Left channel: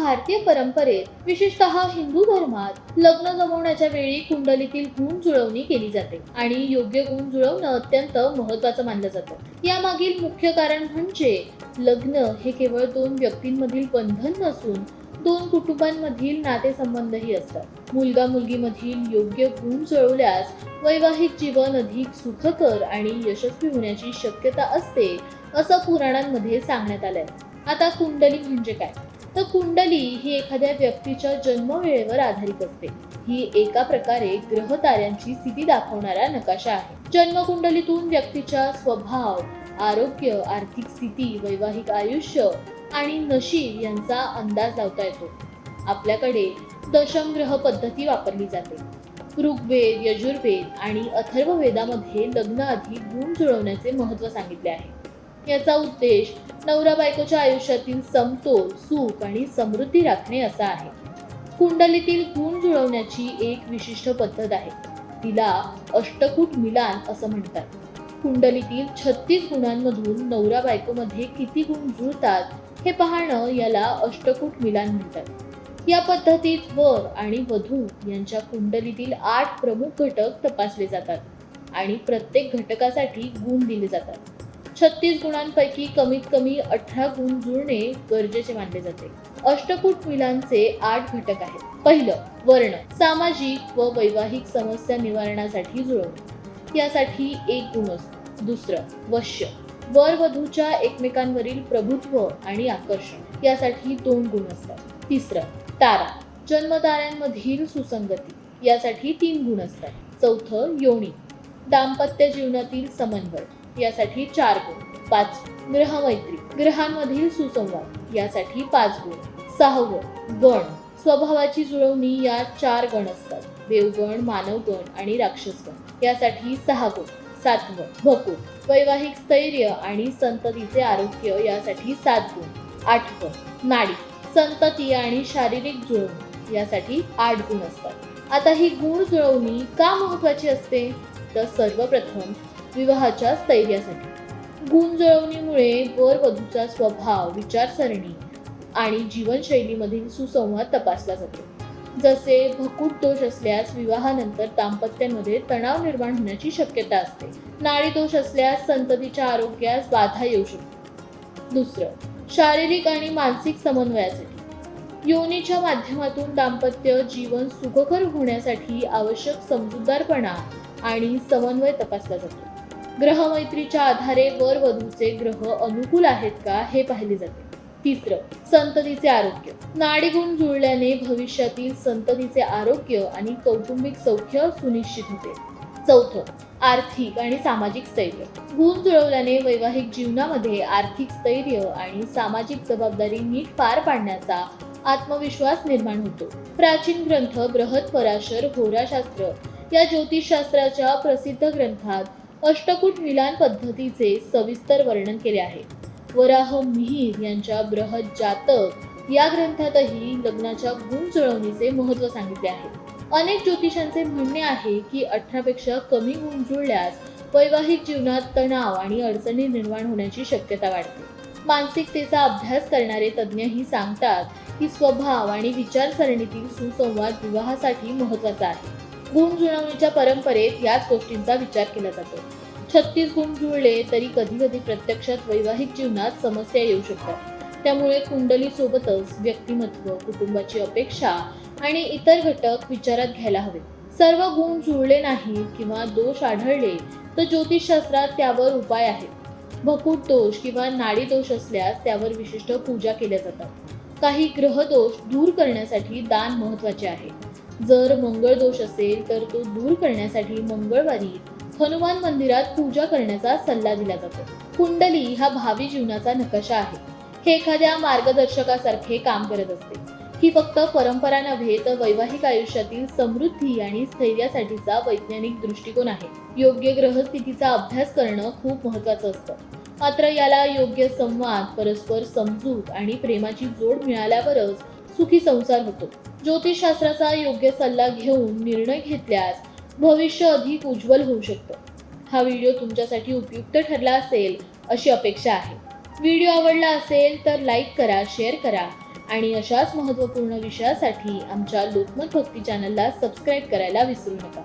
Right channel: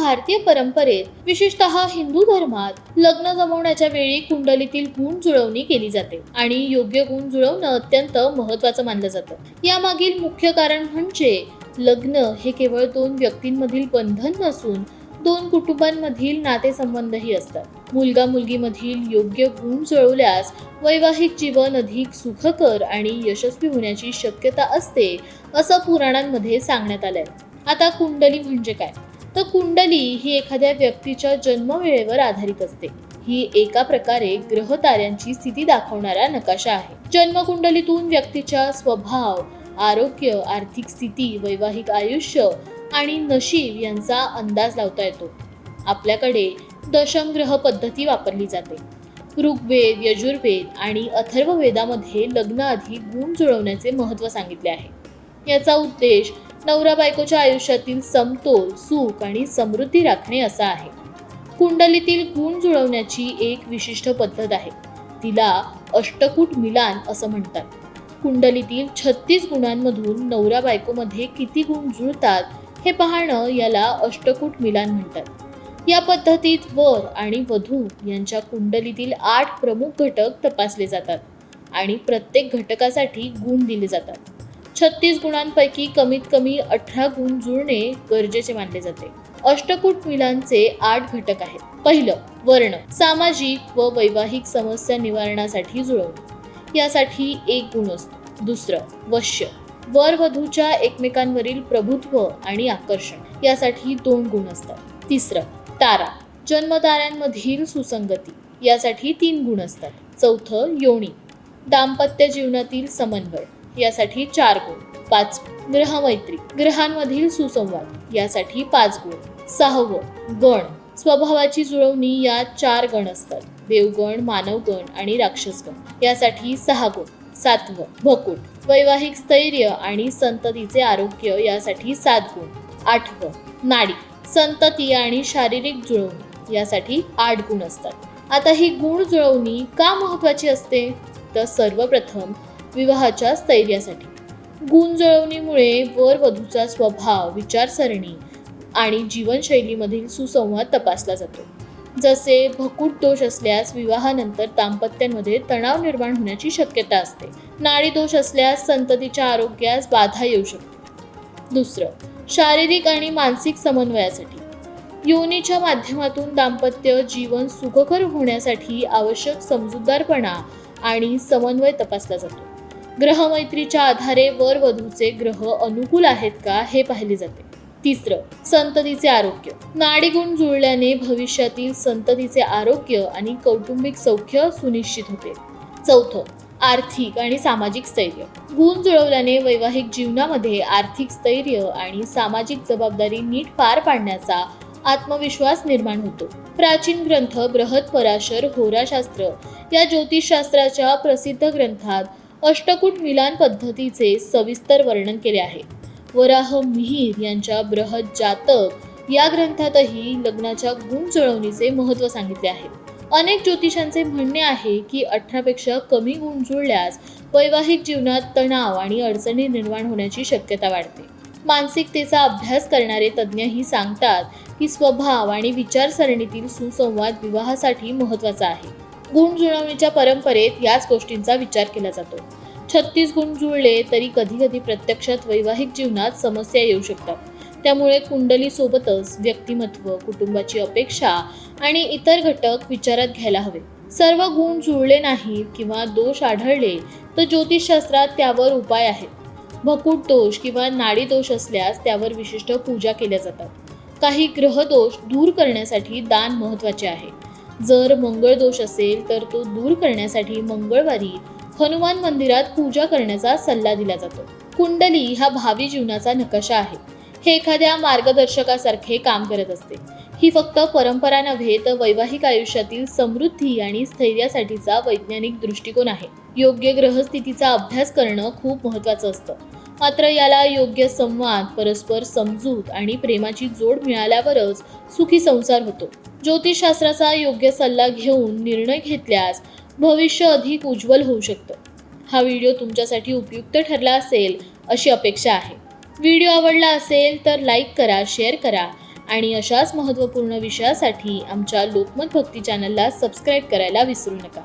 भारतीय परंपरेत विशेषतः हिंदू धर्मात लग्न जमवण्याच्या वेळी कुंडलीतील गुण जुळवणी केली जाते आणि योग्य गुण जुळवणं अत्यंत महत्वाचं मानलं जातं. यामागील मुख्य कारण म्हणजे लग्न हे केवळ दोन व्यक्तींमधील बंधन नसून दोन कुटुंबांमधील नातेसंबंधही असतात. मुलगा मुलगीमधील योग्य गुण जुळवल्यास वैवाहिक जीवन अधिक सुखकर आणि यशस्वी होण्याची शक्यता असते असं पुराणांमध्ये सांगण्यात आलंय. आता कुंडली म्हणजे काय? तर कुंडली ही एखाद्या व्यक्तीच्या जन्मवेळेवर आधारित असते. ही एका प्रकारे ग्रह ताऱ्यांची स्थिती दाखवणारा नकाशा आहे. जन्मकुंडलीतून व्यक्तीच्या स्वभाव आरोग्य आर्थिक स्थिती वैवाहिक आयुष्य आणि नशीब यांचा अंदाज लावता येतो. आपल्याकडे दशम ग्रह पद्धती वापरली जाते. ऋग्वेद यजुर्वेद आणि अथर्ववेदामध्ये लग्नाआधी गुण जुळवण्याचे महत्त्व सांगितले आहे. याचा उद्देश नवरा बायकोच्या आयुष्यातील समतोल सुख आणि समृद्धी राखणे असा आहे. कुंडलीतील गुण जुळवण्याची एक विशिष्ट पद्धत आहे. तिला अष्टकूट मिलान असं म्हणतात. कुंडलीतील छत्तीस गुणांमधून नवरा बायकोमध्ये किती गुण जुळतात हे पाहणं याला अष्टकूट मिलान म्हणतात. या पद्धतीत वर आणि वधू यांच्या कुंडलीतील आठ प्रमुख घटक तपासले जातात आणि प्रत्येक घटकासाठी गुण दिले जातात. छत्तीस गुणांपैकी कमीत कमी अठरा गुण जुळणे गरजेचे मानले जाते. अष्टकूट मिलांचे आठ घटक आहेत. पहिलं वर्ण सामाजिक व वैवाहिक समस्या निवारणासाठी जुळवणे. यासाठी एक गुण असतो. दुसरं वश्य वर वधूच्या एकमेकांवरील प्रभुत्व आणि आकर्षण. यासाठी दोन गुण असतात. तिसरं तारा जन्मताऱ्यांमधील सुसंगती. यासाठी तीन गुण असतात. चौथं योनी दाम्पत्य जीवनातील समन्वय. यासाठी चार गुण पाच ग्रहमैत्री ग्रहांमधील सुसंवाद यासाठी पाच गुण सहावं गण. स्वभावाची जुळवणी या चार गण असतात. देवगण मानवगण आणि राक्षसगण. यासाठी सहा गुण सातवं भकूट वैवाहिक स्थैर्य आणि संततीचे आरोग्य यासाठी सात गुण. आठवं नाडी संतती आणि शारीरिक जुळवणी यासाठी आठ गुण असतात. आता ही गुण जुळवणी का महत्वाची असते? तर सर्वप्रथम विवाहाच्या स्थैर्यासाठी. गुणजळवणीमुळे वर वधूचा स्वभाव विचारसरणी आणि जीवनशैलीमधील सुसंवाद तपासला जातो. जसे भकूट दोष असल्यास विवाहानंतर दाम्पत्यांमध्ये तणाव निर्माण होण्याची शक्यता असते. नाडी दोष असल्यास संततीच्या आरोग्यास बाधा येऊ शकते. दुसरं शारीरिक आणि मानसिक समन्वयासाठी. योनीच्या माध्यमातून दाम्पत्य जीवन सुखकर होण्यासाठी आवश्यक समजूतदारपणा आणि समन्वय तपासला जातो. ग्रहमैत्रीच्या आधारे वर वधूचे ग्रह अनुकूल आहेत का हे पाहिले जाते. तिसरं संततीचे आरोग्य. नाडीगुण जुळल्याने भविष्यातील संततीचे आरोग्य आणि कौटुंबिक सौख्य सुनिश्चित होते. चौथं आर्थिक आणि सामाजिक स्थैर्य. गुण जुळवल्याने वैवाहिक जीवनामध्ये आर्थिक स्थैर्य आणि सामाजिक जबाबदारी नीट पार पाडण्याचा आत्मविश्वास निर्माण होतो. प्राचीन ग्रंथ बृहत पराशर होराशास्त्र या ज्योतिषशास्त्राच्या प्रसिद्ध ग्रंथात अष्टकूट मिलान पद्धतीचे सविस्तर वर्णन केले आहे. वराह मिहीर यांच्या बृहत जातक या ग्रंथातही लग्नाच्या गुण जुळवणीचे महत्त्व सांगितले आहे. अनेक ज्योतिषांचे म्हणणे आहे की अठरापेक्षा कमी गुण जुळल्यास वैवाहिक जीवनात तणाव आणि अडचणी निर्माण होण्याची शक्यता वाढते. मानसिकतेचा अभ्यास करणारे तज्ज्ञही सांगतात की स्वभाव आणि विचारसरणीतील सुसंवाद विवाहासाठी महत्त्वाचा आहे. गुण जुळवणीच्या परंपरेत याच गोष्टींचा विचार केला जातो. छत्तीस गुण जुळले तरी कधी कधी प्रत्यक्षात वैवाहिक जीवनात समस्या येऊ शकतात. त्यामुळे कुंडली सोबतच व्यक्तिमत्व कुटुंबाची अपेक्षा आणि इतर घटक विचारात घ्यायला हवे. सर्व गुण जुळले नाहीत किंवा दोष आढळले तर ज्योतिषशास्त्रात त्यावर उपाय आहेत. भकूट दोष किंवा नाडी दोष असल्यास त्यावर विशिष्ट पूजा केल्या जातात. काही ग्रह दोष दूर करण्यासाठी दान महत्त्वाचे आहे. जर मंगळ दोष असेल तर तो दूर करण्यासाठी मंगळवारी हनुमान मंदिरात पूजा करण्याचा सल्ला दिला जातो. कुंडली हा भावी जीवनाचा नकाशा आहे. हे एखाद्या मार्गदर्शकासारखे काम करत असते. ही फक्त परंपरा नव्हे तर वैवाहिक आयुष्यातील समृद्धी आणि स्थैर्यासाठीचा वैज्ञानिक दृष्टिकोन आहे. योग्य ग्रहस्थितीचा अभ्यास करणं खूप महत्वाचं असतं. मात्र याला योग्य संवाद परस्पर समजूत आणि प्रेमाची जोड मिळाल्यावरच सुखी संसार होतो. ज्योतिषशास्त्राचा योग्य सल्ला घेऊन निर्णय घेतल्यास भविष्य अधिक उज्ज्वल होऊ शकतं. हा व्हिडिओ तुमच्यासाठी उपयुक्त ठरला असेल अशी अपेक्षा आहे. व्हिडिओ आवडला असेल तर लाईक करा शेअर करा आणि अशाच महत्त्वपूर्ण विषयासाठी आमच्या लोकमत भक्ती चॅनलला सबस्क्राईब करायला विसरू नका.